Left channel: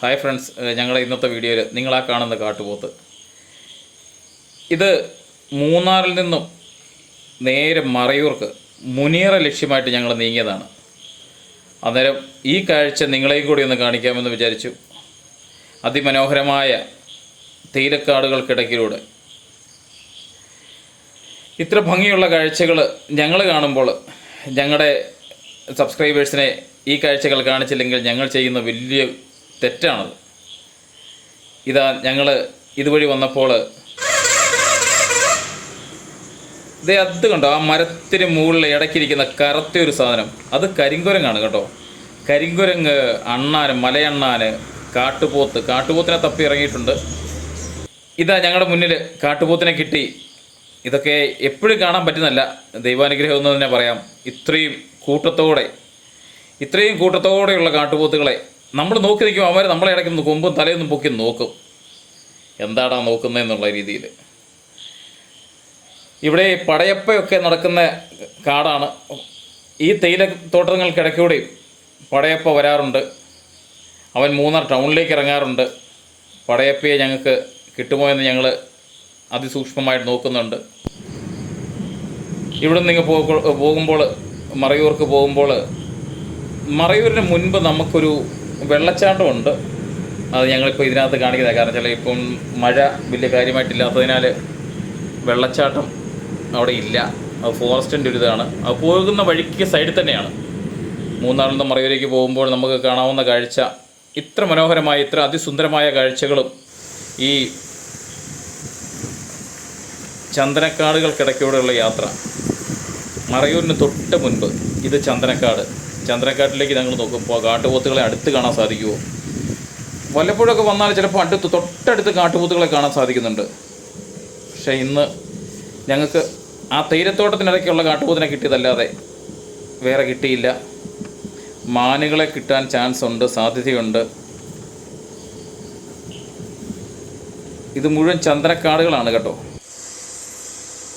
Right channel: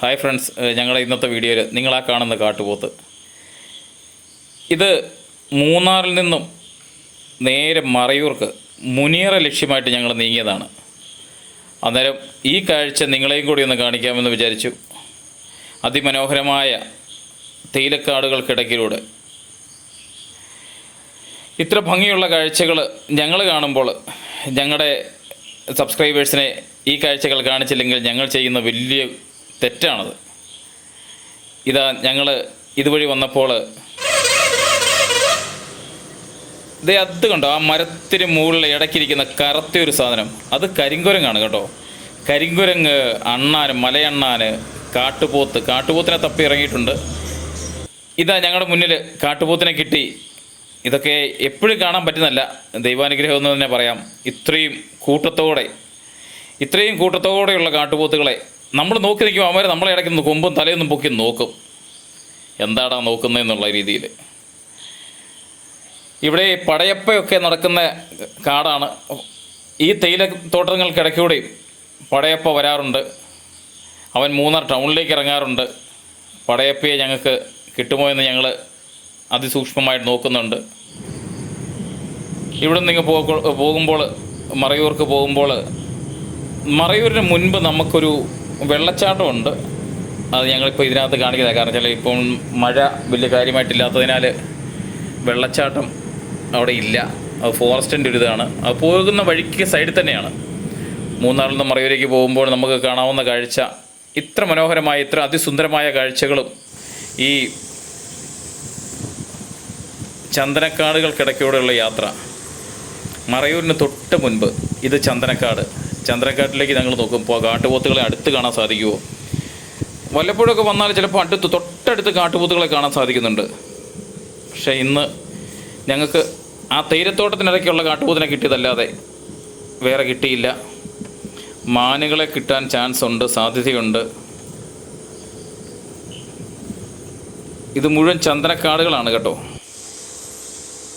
Hi friends, ഞങ്ങളുടെ ഇന്നത്തെ വീഡിയോയിൽ നിങ്ങളാ കാണുന്ന കാട്ടുപോത്ത് ഇത് മൂന്നാറിൽ നിന്നും നേരെ മറയൂർക്ക് മുനിയറ ലക്ഷ്യമായിട്ട് ഞങ്ങൾ നീങ്ങിയതാണ്. അന്നേരം ഈ കാഴ്ച നിങ്ങളെയും കൂടി ഒന്ന് കാണിക്കാമെന്ന് വിചാരിച്ചു. അതിമനോഹരമായ തേയിലക്കാടുകൾക്കിടയ്ക്കിലൂടെ ഇത്ര ഭംഗിയുള്ള കാഴ്ചകൾ ഞങ്ങൾ കാണുമ്പോൾ ഞങ്ങളുടെ സബ്സ്ക്രൈബേഴ്സിനെ ഈ കാഴ്ചകൾ കാണിച്ചില്ലെങ്കിൽ ഞങ്ങൾ ചെയ്യുന്ന വലിയ തെറ്റാണത്. ഇതാ ഞങ്ങൾ ഇതുവഴി വന്നപ്പോൾ ഇത് അത് കണ്ടോ, ആ മരത്തിന് മുകളിൽ ഇടയ്ക്കിരിക്കുന്ന കറുത്തൊരു സാധനം, അത് കരിങ്കുരങ്ങാണ് കേട്ടോ. കരിങ്കുരങ്ങ്, അണ്ണാൻ, മലയണ്ണാൻ, കാട്ടുപോത്തിനെ തപ്പി ഇറങ്ങിയിട്ടുണ്ട്. ഇതാ ഞങ്ങളുടെ മുന്നിൽ കാട്ടുപോത്തിനെ കിട്ടി. ഇതൊക്കെ എപ്പോഴും കാണാൻ പറ്റുന്നല്ല, ദൈവാനുഗ്രഹം എന്ന് തന്നെ പറയാം. ഇത്രയും കൂട്ടത്തോടെയുള്ള കാട്ടുപോത്തുകളെ നമ്മൾ നോക്കി നിൽക്കും. അവന്മാർ നമ്മളെ ഇടയ്ക്ക് കൊമ്പും തലയൊന്നും പൊക്കി നോക്കും, എന്താടാ നോക്കുന്നതെന്നുള്ള രീതിയിൽ. ഇവിടെ പടയപ്പയൊക്കെ നടക്കുന്ന കാടാണ്. ഈ തേയിലത്തോട്ടങ്ങൾക്കിടയ്ക്കൂടെ പടയപ്പ വരാറുണ്ട്. അവൻ മൂന്നാർ ടൗണിലേക്ക് ഇറങ്ങാറുണ്ട്. പടയപ്പയെ ഞങ്ങൾക്ക് കിട്ടുമോ എന്ന് ഞങ്ങൾ അതിസൂക്ഷ്മമായിട്ട് നോക്കുന്നുണ്ട്. ഇവിടെ നിന്ന് പോകുമ്പോൾ മറയൂർക്ക് പോകുമ്പോൾ മറയൂരിന് മുൻപ് നമുക്കൊരു വെള്ളച്ചാട്ടമുണ്ട്. അത് ഞങ്ങളിപ്പോൾ ഇതിനകത്ത് കാണിക്കുന്നത് കാരണം വെച്ചാൽ ഇപ്പം മഴ വലിയ കാര്യമായിട്ടില്ലാത്തതിനാൽ വെള്ളച്ചാട്ടം അവിടെ ഇല്ല. അത് ഫോറസ്റ്റിൻ്റെ ഒരു ഇതാണ്. അത് പോകുന്ന വഴിക്ക് സൈഡിൽ തന്നെയാണ്. മൂന്നാറിൽ നിന്ന് മറയൂരേക്ക് പോകുമ്പോൾ നമുക്ക് കാണാവുന്ന കാഴ്ച ഇത്ര മനോഹരമായ, ഇത്ര അതിസുന്ദരമായ കാഴ്ചകളും ഈ ചന്ദനക്കാടുകൾക്കിടയ്ക്കൂടെയുള്ള യാത്ര. മറയൂരിന് തൊട്ട് മുൻപ് ഇത് ചന്ദനക്കാട്ടിലേക്ക് ഞങ്ങൾ നോക്കുമ്പോൾ കാട്ടുപോത്തുകളെ അടുത്ത് കാണാൻ സാധിക്കുമോ? വല്ലപ്പോഴൊക്കെ വന്നാൽ ചിലപ്പോൾ തൊട്ടടുത്ത് കാട്ടുപോത്തുകളെ കാണാൻ സാധിക്കുന്നുണ്ട്. പക്ഷേ ഇന്ന് ഞങ്ങൾക്ക് ആ തേയിലത്തോട്ടത്തിനിടയ്ക്കുള്ള കാട്ടുപോത്തിനെ കിട്ടിയതല്ലാതെ വേറെ കിട്ടിയില്ല. മാനുകളെ കിട്ടാൻ ചാൻസ് ഉണ്ട്, സാധ്യതയുണ്ട്. ഇത് മുഴുവൻ ചന്ദനക്കാടുകളാണ് കേട്ടോ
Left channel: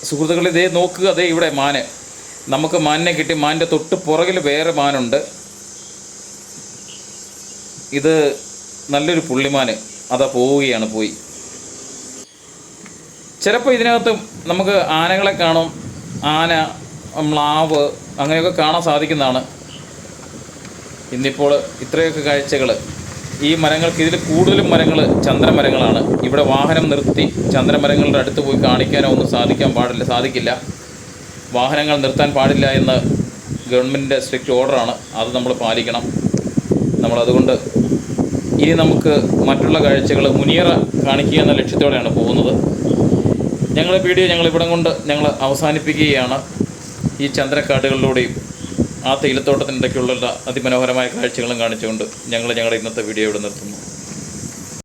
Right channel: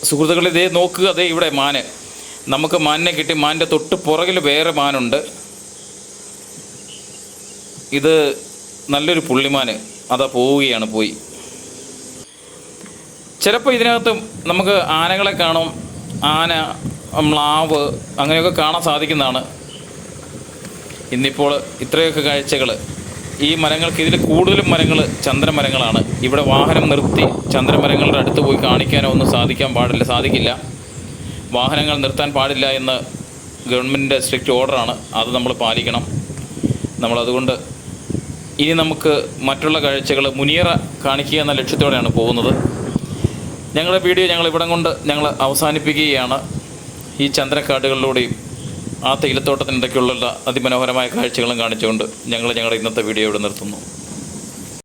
സുഹൃത്തുക്കൾ. ഇതേ നോക്കുക, അതേ ഇവിടെ മാന്. നമുക്ക് മാനിനെ കിട്ടി. മാനിൻ്റെ തൊട്ട് പുറകിൽ വേറെ മാനുണ്ട്. ഇത് നല്ലൊരു പുള്ളിമാന്. അതാ പോയി. ചിലപ്പോൾ ഇതിനകത്ത് നമുക്ക് ആനകളെ കാണും. ആന, മ്ലാവ് അങ്ങനെയൊക്കെ കാണാൻ സാധിക്കുന്നതാണ്. ഇന്നിപ്പോൾ ഇത്രയൊക്കെ കാഴ്ചകൾ. ഈ മരങ്ങൾക്ക്, ഇതിൽ കൂടുതലും മരങ്ങൾ ചന്ദനമരങ്ങളാണ്. ഇവിടെ വാഹനം നിർത്തി ചന്ദനമരങ്ങളുടെ അടുത്ത് പോയി കാണിക്കാനോ ഒന്നും സാധിക്കില്ല. വാഹനങ്ങൾ നിർത്താൻ പാടില്ല എന്ന് ഗവൺമെൻറ്റിൻ്റെ സ്ട്രിക്റ്റ് ഓർഡറാണ്. അത് നമ്മൾ പാലിക്കണം. നമ്മളതുകൊണ്ട് ഇനി നമുക്ക് മറ്റുള്ള കാഴ്ചകൾ മുനിയറ കാണിക്കുക എന്ന ലക്ഷ്യത്തോടെയാണ് പോകുന്നത്. ഞങ്ങളുടെ വീഡിയോ ഇവിടം കൊണ്ട് ഞങ്ങൾ അവസാനിപ്പിക്കുകയാണ്. ഈ ചന്ദനക്കാടുകളിലൂടെയും ആ തേയിലത്തോട്ടത്തിനിടയ്ക്കുള്ള അതിമനോഹരമായ കാഴ്ചകളും കാണിച്ചുകൊണ്ട് ഞങ്ങളുടെ ഇന്നത്തെ വീഡിയോ ഇവിടെ നിർത്തുന്നു.